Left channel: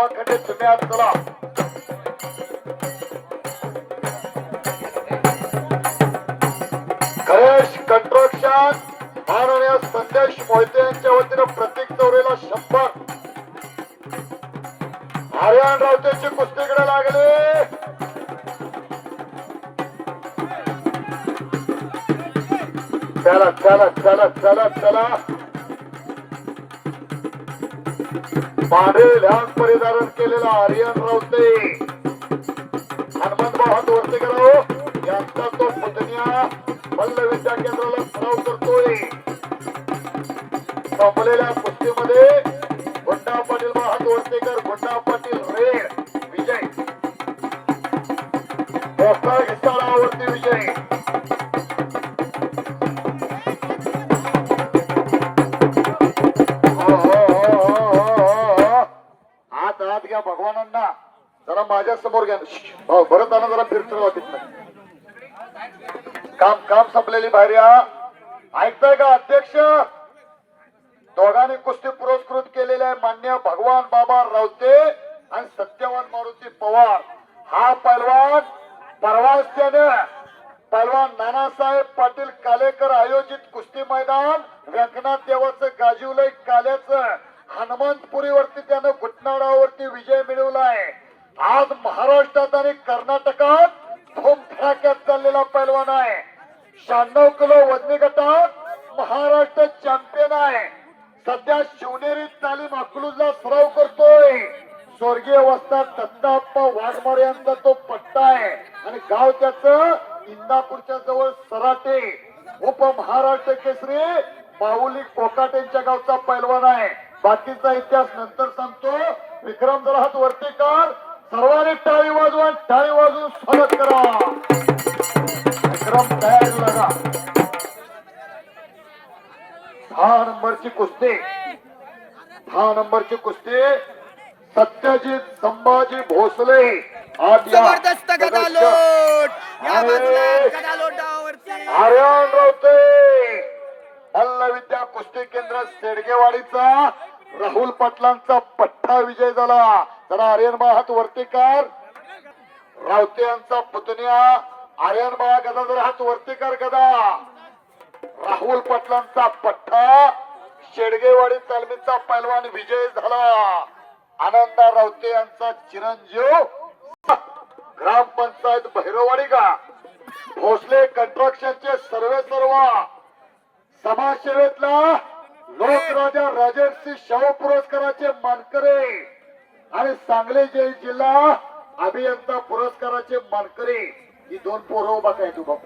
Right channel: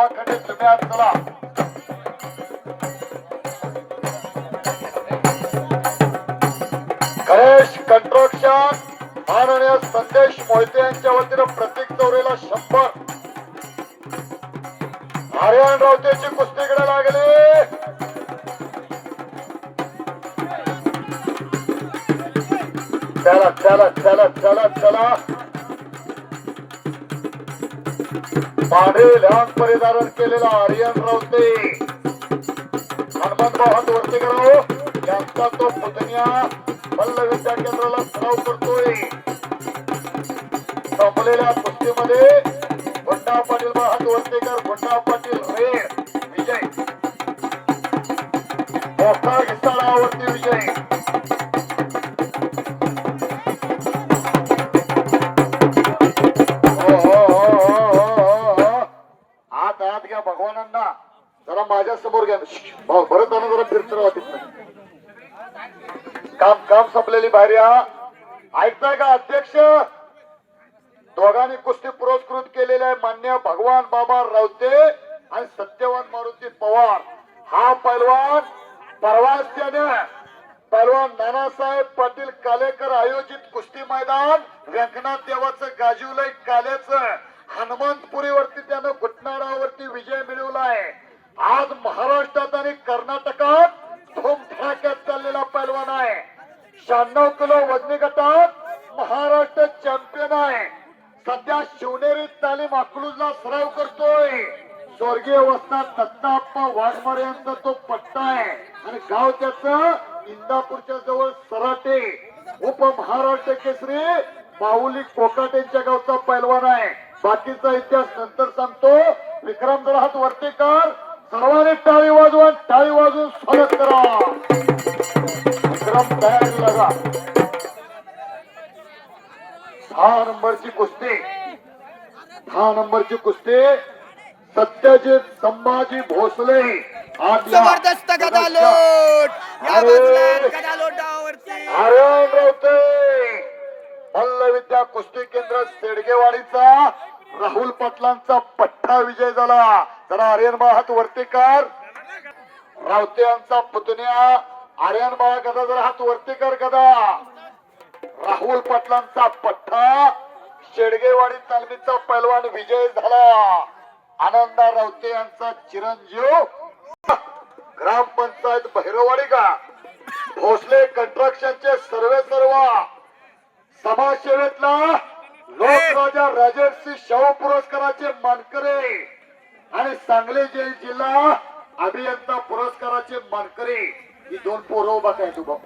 नावाखाली तुम्ही आज चला. गणेश कंस्ट्रक्शन माननीय संदेश मोहिते यांच्या वतीनं प्रत्येक चौरेला 100. आर्यन रावतेची कुस्तीकडे लागले. चला चला चला चला चला. पांढरे लांग परिधारण केलेला आर्यन रावते हनुमंतराव हात वरती करावं यांचा तो पुतण्या मल्ल विद्या केंद्राला सराव करतोय. संपलेल्या कुस्तीमध्ये गुंडा पाटील हात वर्तेकर, गुंडा पाटील रेड विजय, मोठा घिसाळावरती विजय. हात घ्या भगवानांना जरा माझ्या समोर घ्या. भाऊ भरत आणा जरा फिरतो काम काम संपलेली बाहेर या. ऐकताय का अध्यक्ष? दोघांनी कुस्ती पुरस्कृत केलेल्या आहे मान्य भगवान बाबा रावते आणि सत्यवान मारुती पवार. हा पैलवान परवाच त्याने पैलवान नानासाहेब पाटील कालेकर आयोजित कुस्ती मैदान व्यंकनाथ देवाचं गाजीवलय काल्याचं हनुमंतपुरीवरती त्यानं घुटनाडावरती विजय मिळवलाय. आज महाराष्ट्रात आणि कर्नाटकात धूमधडाक्यात चाललेला पैलवान आहे. 96 किलो वजनी गटात महाराष्ट्र चॅम्पियन आहे. सध्या शिवनेरी तालीम अकलूजला सराव करतोय. स्वर्गीय वस्ताद दत्ताप्पा वाघमारे यांचा तो पट्टा आहे आणि गाव त्याचं इंदापूरच्या जवळ सराटे. उपमहाराष्ट्र केसरी बाहुली कोकाटेंच्या गावचा पैलवान आहे. बाकीचा इतिहास नंतर सांगतो. विक्रम जरा हात वरती कर. सर्वांनी टाळी वाजवून स्वागत करा. विक्रम तयारी लगा. 6 नंबरची कुस्ती, 6 नंबरची कुस्ती सत्यजित संभाजी भोसले. जबरदस्त गदालोट या बाजूला गदालोटावरती आर्यन रावते मल्ल विद्या कुस्ती केंद्र सेडगेवाडीचा राहुल पाटलांचा पट्टा विजय झाला. जरा आर्यन बा हात वरती कर. रावते यांचा पुतण्या आर्यन बा गदा जरा हात वरती कर. गदा राहुल पाटलांचा पट्टा शेडगेवाडी तालमीचा पैलवान विजय झाला. आनंदा रावते यांचा चिरंजीव ग्रामपंचायत भैरववाडी का भोसले कंस्ट्रक्शनचे सर्व समाजसेवेतला लोकराजा राजर्षी शाहू पुरस्काराचे मानकरी आणि सांगली जिल्हा अभियंता पुरस्काराचे मानकरी ही 2 पोरं उभा काय तू बाप.